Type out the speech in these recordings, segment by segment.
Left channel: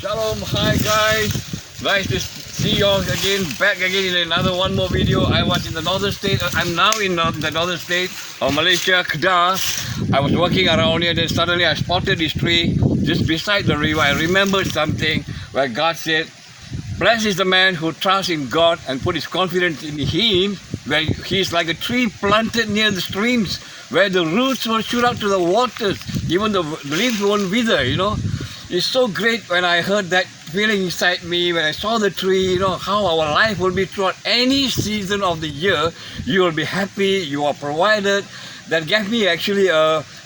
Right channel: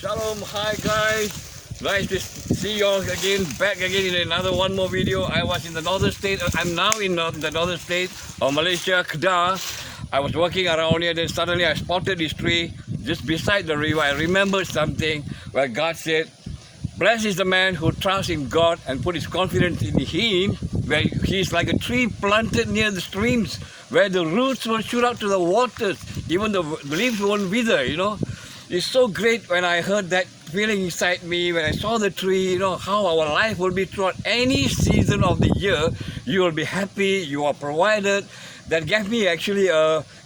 Shalom, hi guys. Nice to see you all again, back again in another one more video. I was in the northern state. I'm now in the northern state of Malaysia, Kedah. I was walking around here, then suddenly I spotted this tree just beside the river. I remembered something where God said, "Blessed is the man who trusts in God and put his confidence in Him, where he is like a tree planted near the streams, where the roots will shoot up to the waters, even the leaves won't wither." It's so great when I heard that feeling inside me, when I saw the tree, how our life will be throughout any season of the year. You will be happy, you are provided. That gave me actually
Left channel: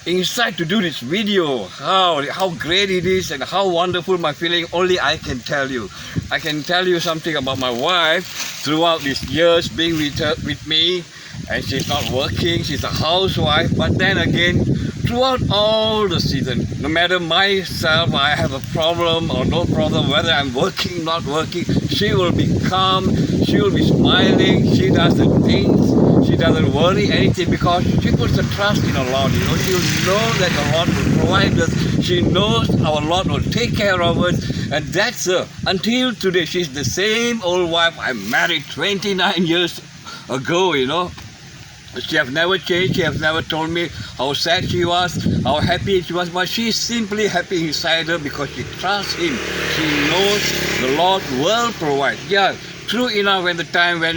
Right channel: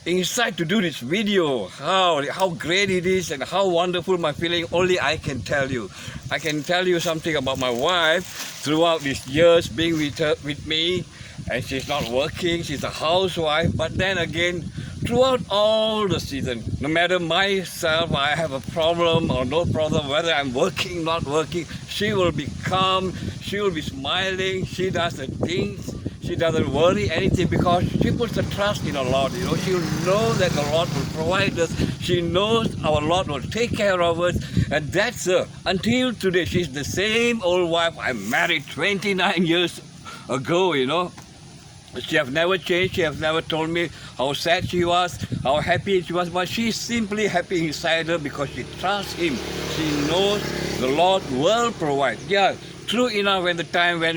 insight to do this video. How great it is and how wonderful my feeling, only I can tell you. I can tell you something about my wife throughout these years being with me, and she's not working, she's a housewife, but then again, throughout all the season, no matter myself, I have a problem or no problem, whether I'm working, not working, she will be calm, she will be smiling, she does the things, she doesn't worry anything because she puts the trust in the Lord. She will know that the Lord will provide us, she knows our Lord will take care of us, and that's her. Until today, she's the same old wife I married 29 years ago, She has never changed. She has never told me how sad she was, how happy she was, but she's simply happy inside her because she trusts Him. She knows the Lord will provide. Yeah, true enough, when the time when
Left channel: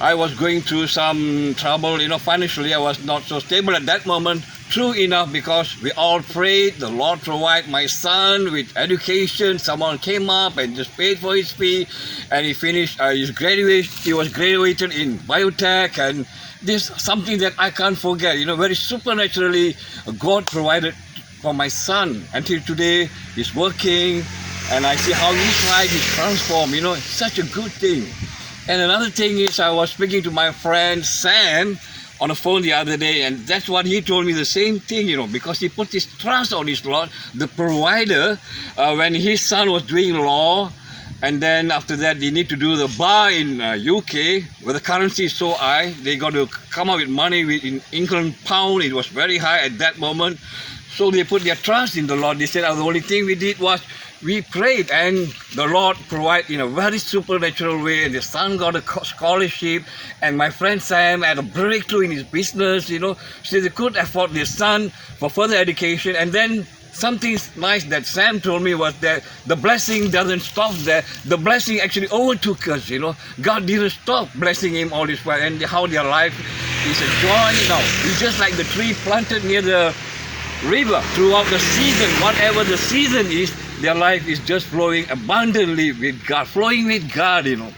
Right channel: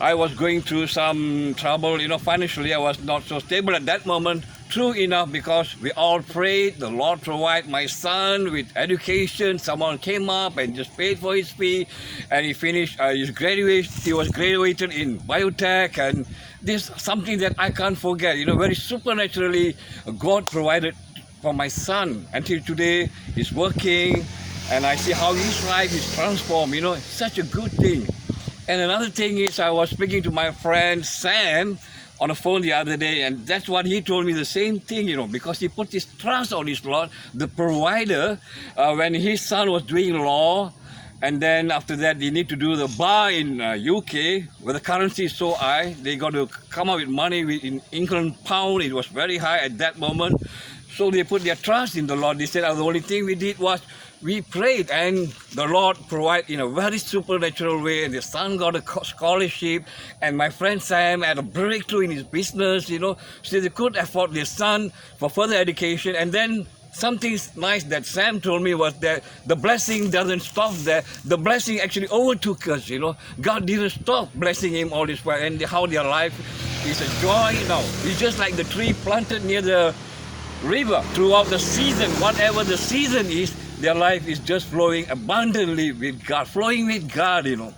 I was going through some trouble, financially I was not so stable at that moment. True enough, because we all prayed, the Lord provide my son with education. Someone came up and just paid for his fee, and he finished his graduation. He was graduated in biotech, and this is something that I can't forget. Very supernaturally, God provided for my son. Until today, he's working, and I see how his life is transformed. It's such a good thing. And another thing is, I was speaking to my friend Sam on the phone the other day, and that's what he told me, the same thing, because he put his trust on his Lord, the provider, when his son was doing law, and then after that they need to do the bar in UK, where the currency is so high, they got to come up with money in England pound. It was very high at that moment, so they put their trust in the Lord. They said, the only thing we did was we prayed, and the Lord provided in a very supernatural way, and the son got a scholarship, and my friend Sam had a breakthrough in his business, so they could afford their son for further education. And then something nice that Sam told me was that the blessing doesn't stop there. The blessing actually overtook us, God didn't stop blessing him all this while, and how their life is a joy now. It's just like the tree planted near the river throughout the season. Whatever the season is, their life is just flowing abundantly with God, flowing with God, And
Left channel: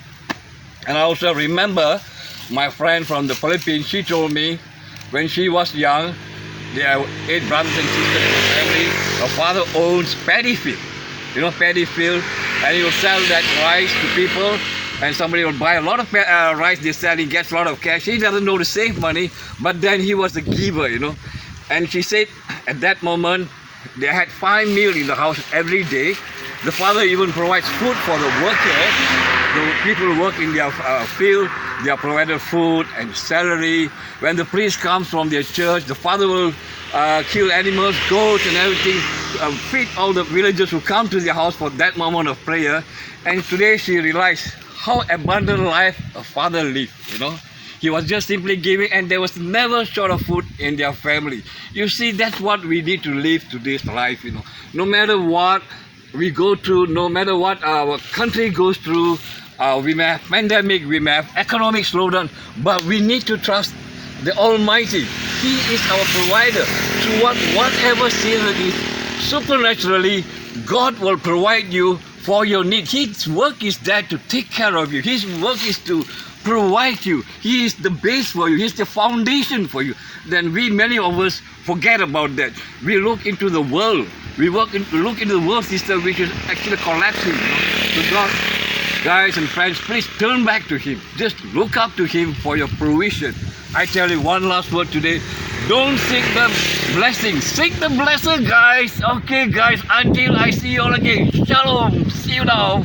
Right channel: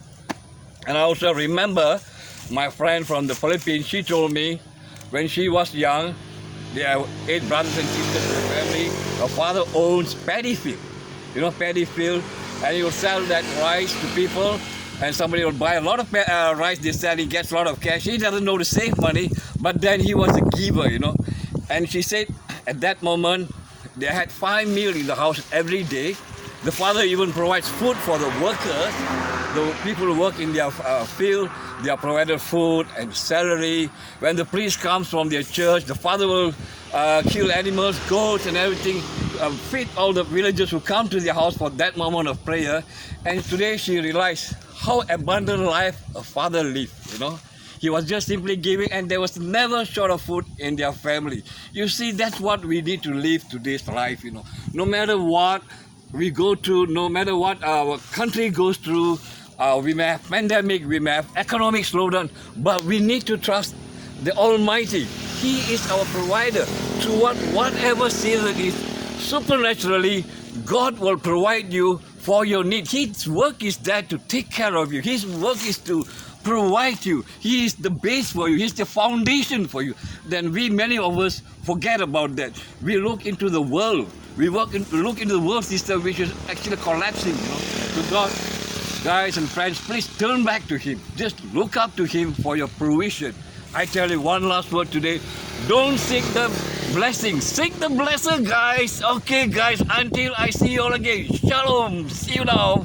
I also remember my friend from the Philippines. She told me when she was young, there are 8 brothers and sisters in the family. Her father owns paddy field, paddy field, and he will sell that rice to people, and somebody will buy a lot of rice they sell, he gets a lot of cash. He doesn't know to save money, but then he was a giver, And she said at that moment, they had 5 meals in the house every day. The father even provides food for the workers. The people who work in their field, they are provided food and salary. When the priest comes from their church, the father will kill animals, goats and everything, feed all the villagers who come to their house for that moment of prayer. And today she realized how abundant life a father lived, He was just simply giving, and there was never short of food in their family. You see, that's what we need to live to this life, No matter what we go through, no matter what our country goes through, we may have pandemic, we may have economic slowdown, but we need to trust the Almighty. He is our provider. Throughout whatever season it is, supernaturally, God will provide you for your need. His work is there to take care of you. His work is to provide you. He is the base for you. He's the foundation for you. Then many of us forget about that. We look into the world. We look into the world system, which is actually collapsing. So God, guys and friends, please turn back to Him. Just look up to Him for your provision. I tell you one last word today. Don't seek the blessing. Seek the blessing, guys. Okay, guys, until I see you all again. Shalom. See you now.